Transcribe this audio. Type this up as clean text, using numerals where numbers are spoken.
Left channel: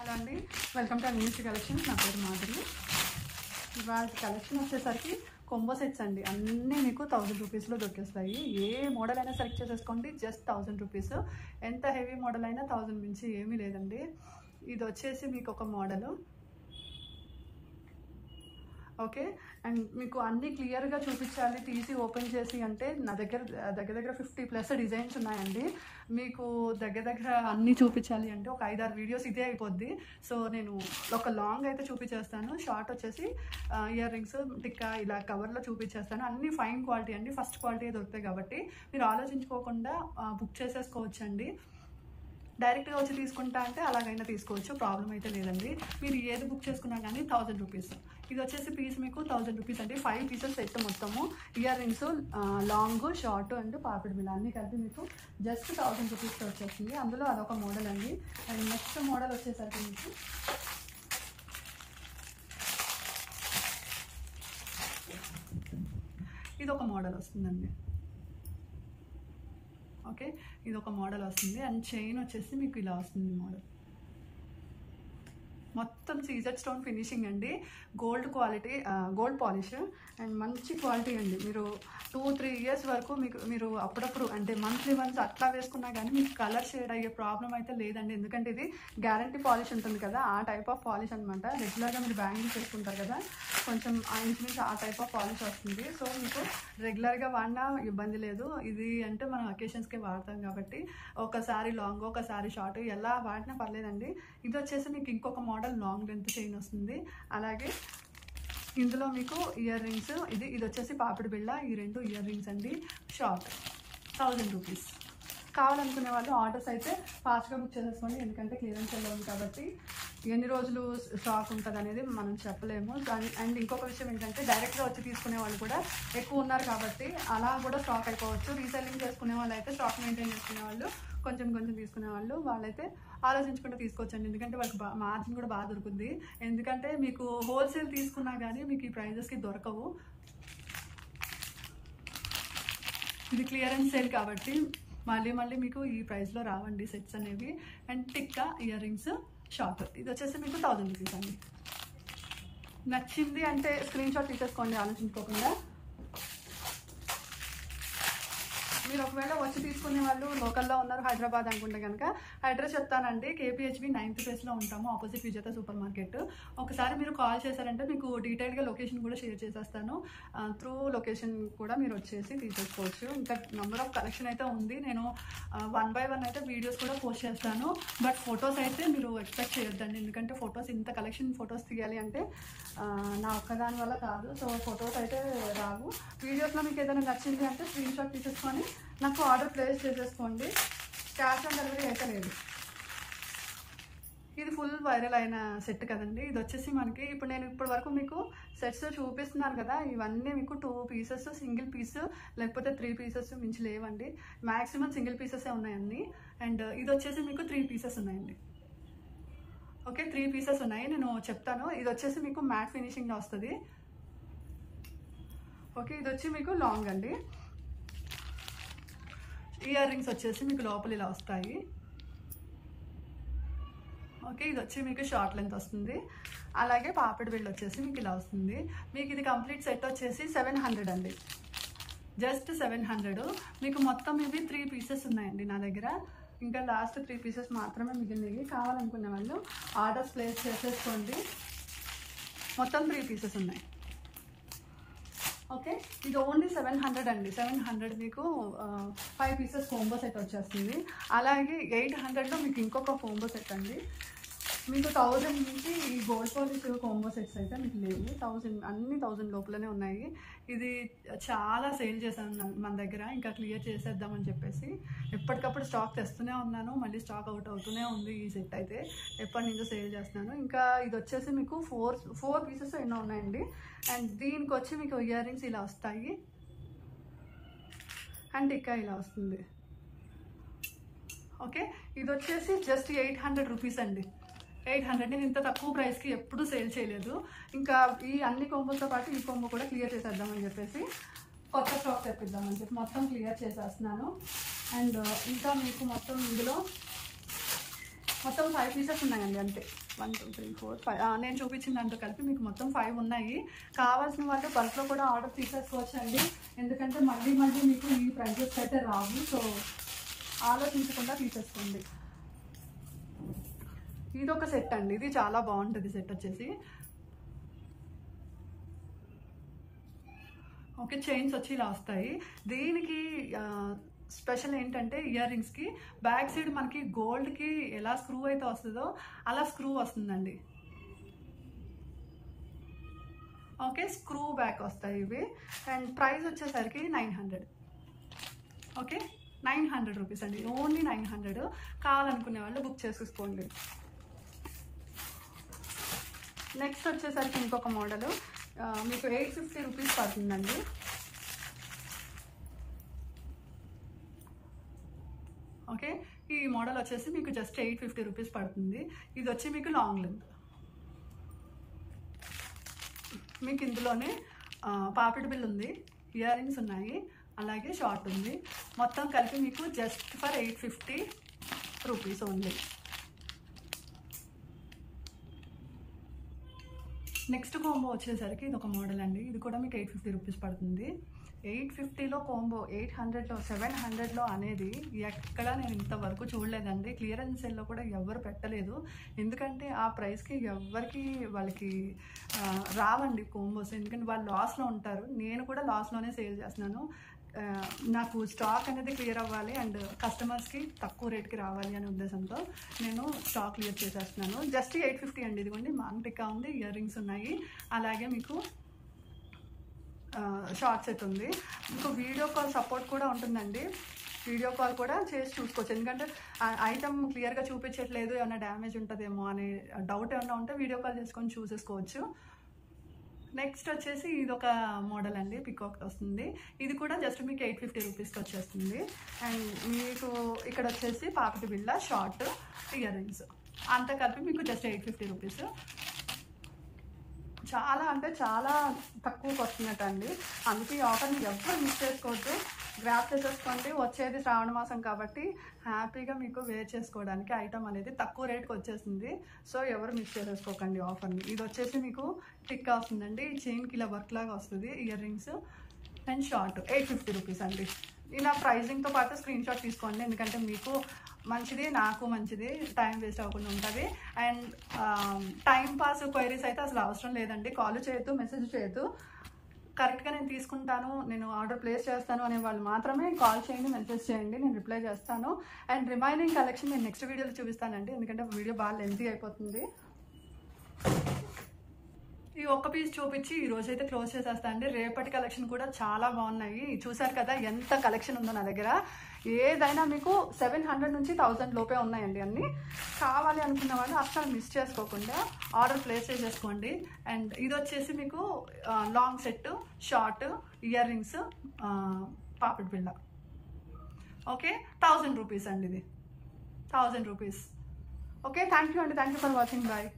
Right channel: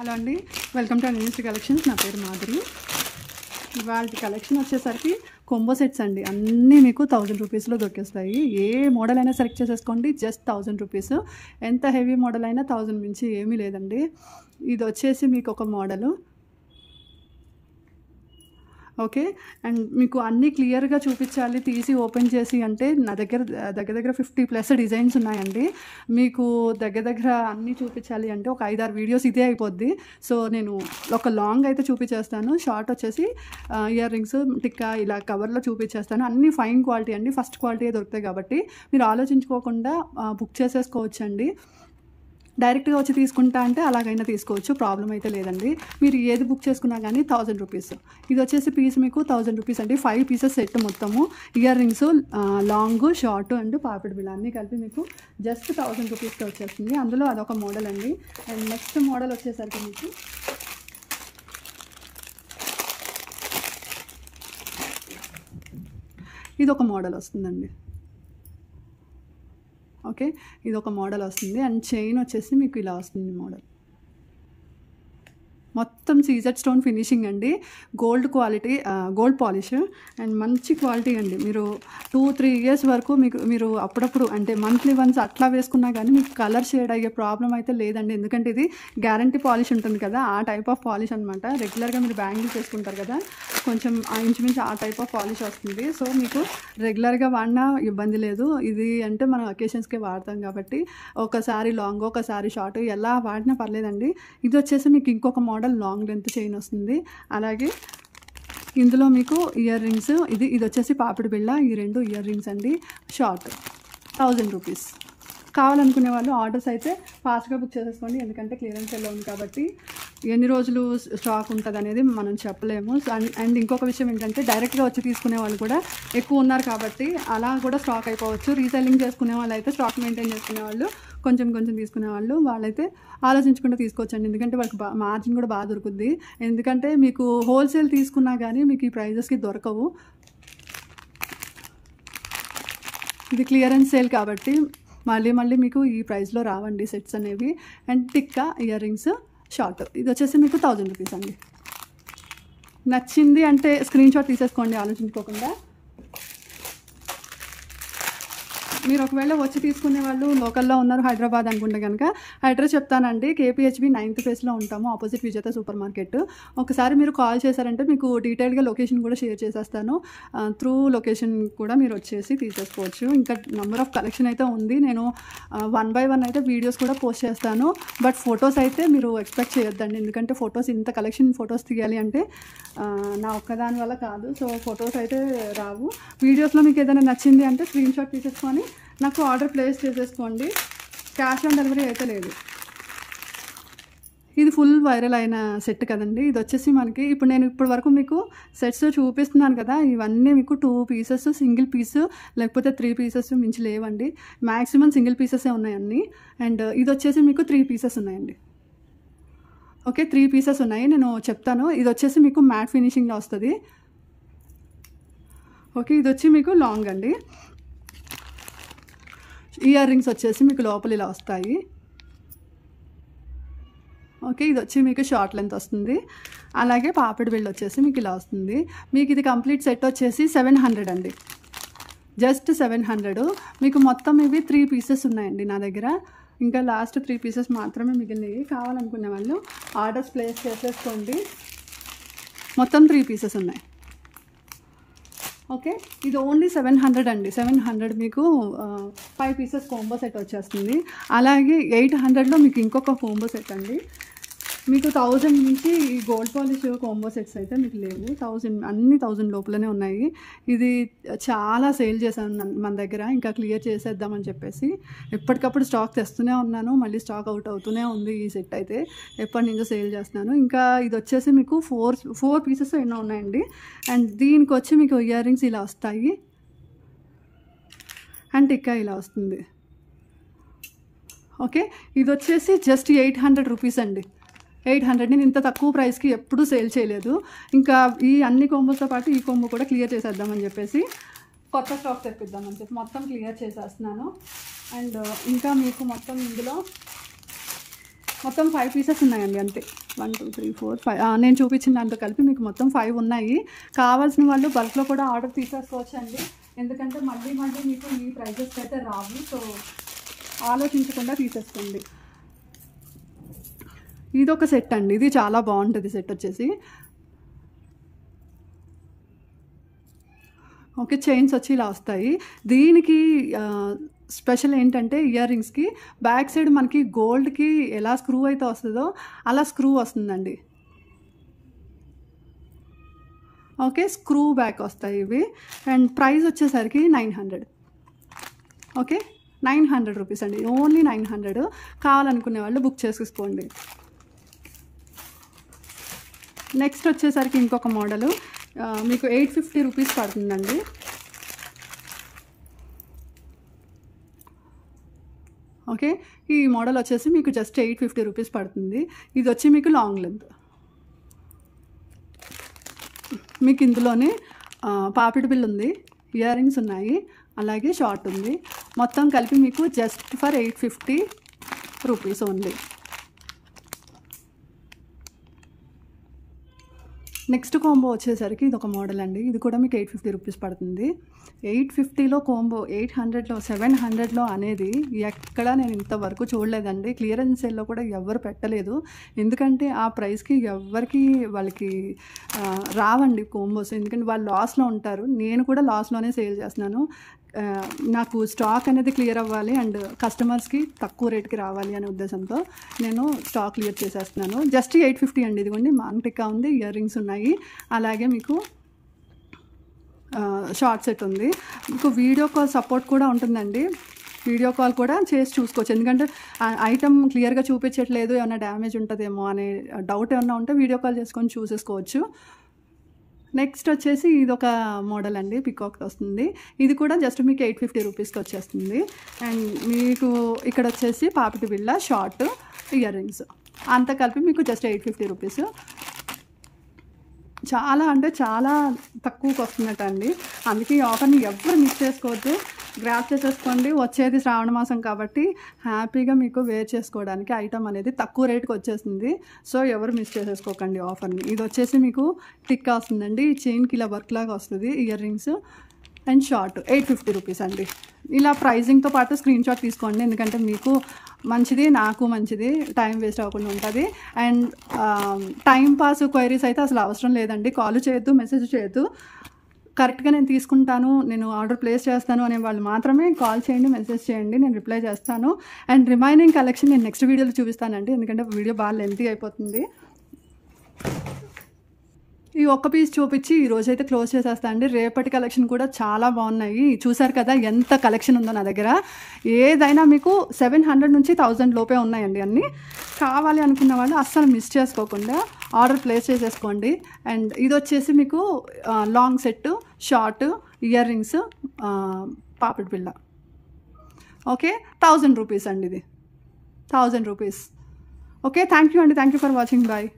Hello అండి, welcome to news collections. నా పేరు మాధురి. ఇవాళ కలెక్షన్ వచ్చేసరికి కొంబో సెట్స్ అండి. అన్నీ మీకు 1000 రూపీస్లో దొరికేస్తాయి. ఏ మోడల్ అయినా సెలెక్ట్ చేసేసుకోండి, జస్ట్ 1000 రూపీస్. ఎంత హెవీ మోడల్ అయినా 1000 మించి ఏమీ లేదండి. ఇది వచ్చేసి మీకు ఒక మోడలు, ఓకే. అండ్ మీకు అన్నీ క్లియర్గా చూపించాలి, తీసి ఓపెన్ చేసి అంటే నా దగ్గర దగ్గర 50+ డిజైన్స్ ఉన్నాయండి. మీకు దగ్గర అన్నీ చూపించాలి అంటే ఒక 5-6 వీడియోస్ ఇదే అయిపోద్ది. సో నేను ఒక లాంగ్ అయితే చూపించేస్తాను, షార్ట్ వచ్చేసి ఇయర్ రింగ్స్, టిక్కా ఇలా కవర్లో చూపించేస్తాను. అన్నీ ఫైన్ క్వాలిటీ అండి, ఫస్ట్ క్వాలిటీ దొరుకుతాయి కాబట్టి మీరు ఆలోచించుకోకుండా బుక్ చేసేసుకోవచ్చండి. డైరెక్ట్గా వచ్చి తీసుకుంటా అంటే అలాగైనా తీసుకోవచ్చు, ప్రాబ్లం అయితే లేదండి. మీరు ఏది బుక్ చేసుకున్నా కానీ 1000 రూపీస్. ఇది వచ్చేసి పీస్ మీకు 1000 రూపీస్ అండి. 5 పీసెస్ సెట్ మొత్తము. Ear rings, long, short and పాపిడి బిళ్ళ అన్నీ కలిపి మీకు జస్ట్ 1000 రూపీస్కి వచ్చేస్తుంది. అందులో అదొక మోడల్ అండి. అండ్ నెక్స్ట్ మోడల్ వచ్చేసరికి మీకు ఇది ఒక మోడల్ వస్తుందండి, ఓకే. ఇది ఒక మోడల్ వస్తుంది. అండ్ చైన్ వచ్చేసి మీకు ఇలా వస్తుంది మోడల్. మొత్తం సీజెడ్ స్టోన్ ఫినిషింగ్ అండి, gold quality, gold polish and మంచి క్వాలిటీ అండి. మీరు 2-3 ఇయర్స్ వరకు మీరు అప్పుడప్పుడు అంటే మంత్లీ వన్స్ అట్లా వేసుకున్నా కానీ మీకు కలర్ షేడ్ అయ్యే ప్రాబ్లం అయితే లేదండి. ఎందుకంటే ఇది గ్యారంటీ పాలిష్ ఉంటుంది కదా, ఆ టైప్ ఆఫ్ పాలిష్ అనమాట. రెగ్యులర్గా మీరు బ్యాంగిల్స్ చేసుకుంటారు కదా, కొంచెం ఇంచుమించు ఆ టైప్ ఆఫ్ పాలిష్ వస్తుంది. సో మీకు రెగ్యులర్గా వాడినా ఇబ్బంది లేదు. ఇది అంటే మనం అకేషన్స్కే వాడతాం కాబట్టి ఒకసారి లాంగ్, ఒకసారి షార్ట్ ఎలా వాడినా పర్లేదండి. ఇది వచ్చేసి మీకు ఇంకొక మోడల్ లాంగ్ లెంత్ చైన్ వస్తుంది. అలాగే ఇందులో మీకు ఇయర్ రింగ్స్, ఇది వచ్చేసి పాపిడి బిళ్ళ. ఈ 2 ఇయర్ రింగ్స్ అండి, షార్ట్ 1000 రూపీస్. కావాలనుకునే వాళ్ళు ఆర్డర్స్ అయితే ఫాస్ట్గా బుక్ చేసేసుకోండి, ఎందుకంటే క్లియరెన్స్ ఎలా ఉంది కాబట్టి ఎన్ని రోజులు స్టాక్ ఉంటుంది అనేది మనం చెప్పలేము. అండ్ ఇంకొక విషయం ఏంటంటే డైరెక్ట్గా వచ్చి తీసుకునే వాళ్ళు కూడా ఎక్కువ ఉన్నారు కాబట్టి అలా కూడా స్టాక్ అయిపోవచ్చు. రీసెల్లింగ్ చేసుకునే వాళ్ళు అయితే, స్టాక్ మెయింటైన్ చేసుకునే వాళ్ళు, కొంచెం తీసుకునే వాళ్ళైతే ఆలోచించకుండా తీసుకోవచ్చండి. ఎందుకంటే వాళ్ళకి మార్జిన్ కూడా బాగా దొరుకుద్ది. ఎందుకంటే మీకు హోల్సేల్ తీసుకున్నా కానీ మీకు ఈ ప్రైజెస్కి దొరకవు. ఇది క్లియరెన్స్ సేల్ కాబట్టి మళ్ళీ మీకు ఈ ప్రైస్లో రావండి సెట్స్ అనేవి. And tikka, ear rings, short ఇది వచ్చేసి మీకు 1000 రూపీస్ అండి. నచ్చింది అంటే స్క్రీన్ షాట్ తీసేసుకోండి ఆలోచించుకోకుండా. మీరు ఒకవేళ వచ్చి తీసుకునే వాళ్ళు లోకల్లో ఉన్నారు, హైదరాబాద్ అనుకుంటే కనుక అడ్రస్ చెప్తానండి. KPHB 9th ఫేస్లో ఉంటాము, ఆపోజిట్ విజేత సూపర్ మార్కెట్. ఒకసారి మీరు కాల్ చేశారంటే మీకు డీటెయిల్గా లొకేషన్ కూడా షేర్ చేసేస్తాను. త్రూ లొకేషన్ కూడా మీరు వచ్చేసి తీసేసుకోవచ్చు. ఇంకా నెంబర్ ఆఫ్ కలెక్షన్ అయితే ఉంది. నేను 1 by 1 అయితే వీడియోస్ కూడా పోస్ట్ చేస్తాను. బట్ ఫొటోస్ అయితే మీరు ఎక్స్పెక్ట్ చేయొద్దండి, ఎందుకంటే ఫొటోస్ ఇంత కలెక్షన్ ఫొటోస్ తీయాలి అంటే నా ఒక్కదాని వల్ల కాదు. సో ఫొటోస్ అయితే రావు. వీడియోస్లో మీకు ఏదైనా నచ్చింది అంటే స్క్రీన్ షాట్ తీసేసుకొని నాకు ఆర్డర్ ప్లేస్ చేసేసుకోండి. క్యాష్ ఆన్ డెలివరీ అయితే లేదు. ఇది ఫుల్ వైరల్ అయిన సెట్ కదండి. ఇది వచ్చేసి మనకి నేను ఇప్పటి వరకు మీకు సెట్స్ చూపిస్తున్నాను కదా, ఇవన్నీ మీకు 2 పీసెస్, సింగిల్ పీస్ లేకపోతే 3 పీసెస్ మించి లేవండి. మ్యాక్సిమం సింగిల్ పీసెసే ఉన్నాయండి. అండ్ ఇది వచ్చేసి మీకు 3 పీసెస్ ఉన్నాయండి, ఓకే. 3 పీసెస్ ఉన్నాయి, నేను చెప్తాను. ఇది వచ్చేసి మీకు మ్యాట్ ఫినిషింగ్లో వస్తుంది, ఓకే. ఇది వచ్చి మీకు లాంగ్ అండి. ఇయర్ రింగ్స్ వచ్చేసి మీకు లోపల ఇలా వస్తాయి, ఓకే. ఇది వచ్చి మీకు షార్ట్ లెంత్ వస్తుంది. అలాగే పాపిడి బిళ్ళ వచ్చేసి మీకు ఇలా వస్తుంది. మీకు ఇది కంప్లీట్ సెట్ వచ్చేసి 700 అండి, జస్ట్ 700. మీకు మొత్తం ఇవి 3 పీసెస్ ఉన్నాయండి నా దగ్గర. ఇంకా లాస్ట్ 3 పీసెస్ మాత్రమే మిగిలినవి. కావాలనుకునే వాళ్ళు ఆర్డర్స్ ప్లేస్ చేసేసుకోండి. మొత్తం 3 పీసెస్ ఉన్నాయి, ఓకే. ఇది ఓన్లీ 700 అండి. 700 మీకు 5 పీసెస్ కోంబో సెట్ వచ్చేస్తుంది. అలాగే 800లో మీకు ఇంకొక కోంబో సెట్ అండి. మీకు 1000 నుంచి ఈ గోల్డ్ పాలిష్ కోంబో సెట్స్ అయితే మీకు లేవు. 1000 అన్ని 1000 లోపలనే ఉన్నాయి. ఇది చాలా సేల్ చేశాను మన దగ్గర, ఇంకా క్లియర్ చేసేద్దామని చెప్పేసి ఎప్పటికప్పుడు స్టాక్ తెస్తూనే ఉన్నాను. మళ్ళీ స్టాక్ అవుట్ అవుతూనే ఉంది. ఈ సెట్ అయితే ఎప్పటి నుంచో సేల్ చేస్తున్నాను. ఇంకా ఇది వచ్చేసి మీకు 4 పీసెస్ ఎన్నో ఉన్నాయండి. అండ్ దీనికి వచ్చి మీకు ఇయర్ రింగ్స్ ఇలా వస్తాయి అండ్ టిక్కా ఇలా వస్తుంది, ఓకే. ఇది వచ్చేసి జస్ట్ 800 రూపీస్ అండి. 800. నేను ఇంత తక్కువ ప్రైస్కి ఎప్పుడూ సేల్ చేయలేదు. ఇంకా ఈ అన్ని కోంబోస్తో పాటు ఈ కోంబో కూడా క్లియర్ చేసేద్దామని చెప్పేసి కొత్త స్టాక్ తెప్పిద్దామని చెప్పి మొత్తం క్లియర్ చేసేస్తున్నాను. అండ్ ఇంకా మీకు మొత్తం ఇందులో మొత్తం 5 పీసెస్ ఉన్నాయండి అంతే. 1 2 3 4 5 నేను చూపించిన దాంతో కలిపి మీకు మొత్తం 5 ఉన్నాయి. కావాల్సిన వాళ్ళు బల్క్లో కూడా ఆర్డర్ తీసేసుకోవచ్చు అండి. ఎందుకంటే మళ్ళీ మీకు ఈ ప్రైజెస్కి అయితే రావు. సో ఆలోచించకుండా తీసేసుకోండి. ఇదొక సెట్ అండి, ఇది చాలా బాగుంటుంది సెట్ వచ్చేసి. ఓకే, చైన్స్ వచ్చి ఇలా వస్తాయి. దీనికి స్పెషల్ ఏంటంటే ఇయర్ రింగ్స్కి బ్యాక్ సైడ్ మనకి గోల్డ్కి ఎలా స్క్రూ అయితే వస్తుందో అలా స్క్రూ వస్తుందండి. ఓకే, స్క్రూ బ్యాక్ వస్తాయి ఇవి. అండ్ ప్రైస్ వచ్చేసరికి 900. ఓకే, 900 రూపీస్ అండి, ఓన్లీ 900. కావాలనుకునే వాళ్ళు బుక్ చేసేసుకోండి. నెక్స్ట్ వచ్చేసరికి ఇంకొక మోడలు మీకు 850 రూపీస్ పడుతుందండి. ఓకే, ఈ మోడల్ వచ్చేసి మీకు జస్ట్ 850 రూపీస్ పడుతుంది. ఇది వచ్చి మీకు లాంగ్ లెంత్. మీకు ఇందులోనే పాపిడి బిల్ ఉంది, ఇయర్ రింగ్స్ ఉన్నాయి, అలాగే షార్ట్ ఉంది. మొత్తం కలిపి మీకు జస్ట్ ఫర్ 850 రూపీస్ ఉంది. నెక్స్ట్ కాంబో వచ్చేసరికి ఇది ఒక మోడల్ అండి. ఇది కూడా మీకు 850 రూపీస్ పడుతుంది. 850లో కాంబో 800లో 700లో అనేది ఎక్కడా నేను ఇంతవరకు చూడలేదండి. క్లియరెన్స్ సేల్లో కూడా ఎవ్వరు పెట్టలేదు. ఎందుకంటే ఆ ప్రైస్కి ఎవ్వరికి వాళ్ళకి రావండి కాంబోస్. ఎందుకంటే వాళ్ళు లాస్లో ఉంటారు. నేను కూడా లాస్లోనే సేల్ చేస్తున్నాను. నాకు స్టాక్ అనేది క్లియర్ అవ్వాలి అండ్ కస్టమర్స్కి తక్కువ రేట్కి రావాలి అనే ఉద్దేశంతో నేను స్టాక్ క్లియర్ చేసేస్తున్నాను. జస్ట్ 850 అండి. ఇదిగోండి మాంగ్ టిక్కా ఉంది, ఇయర్ రింగ్స్ ఉన్నాయి, అలాగే మీకు షార్ట్ సెట్ ఉంది. మీకు వీడియో కాల్ సపోర్ట్ కూడా ఉంటుందండి. వీడియో కాల్ కూడా చేసి చూసుకోవచ్చు. ఎందుకంటే ఐటమ్ క్లియర్గా చూపించట్లేదు, ఏమైనా డ్యామేజ్ ఉంటుందేమో అనే డౌట్ ఏమైనా ఉంటే వీడియో కాల్ చేసుకొని చూసేసుకోవచ్చు. నెక్స్ట్ వచ్చేసి ఇది ఒక మోడల్ అండి, పికాక్తో వస్తుంది. ఇది కూడా జస్ట్ మీకు 850 రూపీస్కి వచ్చేస్తుంది. అండ్ మీకు ఇక్కడ వచ్చేసి పాపిటి బిళ్ళ, షార్ట్, ఇయర్ రింగ్స్ అంతా కలిపి మీకు జస్ట్ 850 రూపీస్. చాలా అంటే చాలా తక్కువకి వస్తున్నట్టు అండి. అందుకే ఈ ఆఫర్ని ఎవ్వరు మిస్ చేసుకోవద్దు, గ్రాప్ చేసేసుకోండి. వచ్చేది శ్రావణ మాసం కాబట్టి హ్యాపీగా మీకు వేర్ చేసుకోవడానికి ఐటమ్ అనేది తక్కువ రేటుకి వచ్చేసింది. సో ఎవరు మిస్ చేసేసుకోకండి ఆఫర్ని. ఇది వచ్చేసి మీకు టిక్కా వస్తుందండి, చైన్కి ఇలా వర్క్ లాగా వస్తుంది, ear rings and short 850 rupees అండి. ఇలా ప్రైజింగ్తో పాటు స్క్రీన్ షాట్ తీసుకోండి, ఎందుకంటే మీకు మంచిది, నాకు మంచిది, టైం వేస్ట్ అవ్వకుండా ఉంటుంది. అండ్ టైం పాస్ క్వైరీస్ అయితే అసలు అవసరం లేదండి. కాల్ చేయొద్దు, మెసేజ్ చేయొద్దు. కరెక్ట్గా నేను తీసుకుంటాను, నేను ఆర్డర్ ప్లేస్ చేస్తాను అనే వాళ్ళు మాత్రమే కాల్ చేయండి, మెసేజ్ చేయండి, నేను రిప్లై చేస్తాను. అండ్ రిమైనింగ్ కలెక్షన్ నేను నెక్స్ట్ వీడియోలో చూపిస్తానండి, ఎందుకంటే వీడియో బాగా లెంతీ అయిపోతుంది. ఈ ఒక్క పీస్ చూపించి ఈరోజైతే క్లోజ్ చేసేస్తా అండి. రేపటి కలెక్షన్ కూడా చాలా బాగున్నాయి. చూసారు కదా ఎంత కలెక్షన్ ఉందో నా దగ్గర. ఏదైనా మీకు 700 నుంచి 1000 లోపే ఉన్నాయండి అన్నీ. కావాలి అనుకున్న వాళ్ళు అస్సలు మిస్ చేసుకోకుండా ఆర్డర్ ప్లేస్ చేసేసుకోండి. అండ్ ఇది వచ్చేసి మీకు long set, short, ear rings, పాపిడి బిళ్ళ. ఓకే, 1000 రూపీస్ అండి, ఇది 1000 రూపీస్. ఓకే, థ్యాంక్ యూ అండి, thank you for watching. Bye.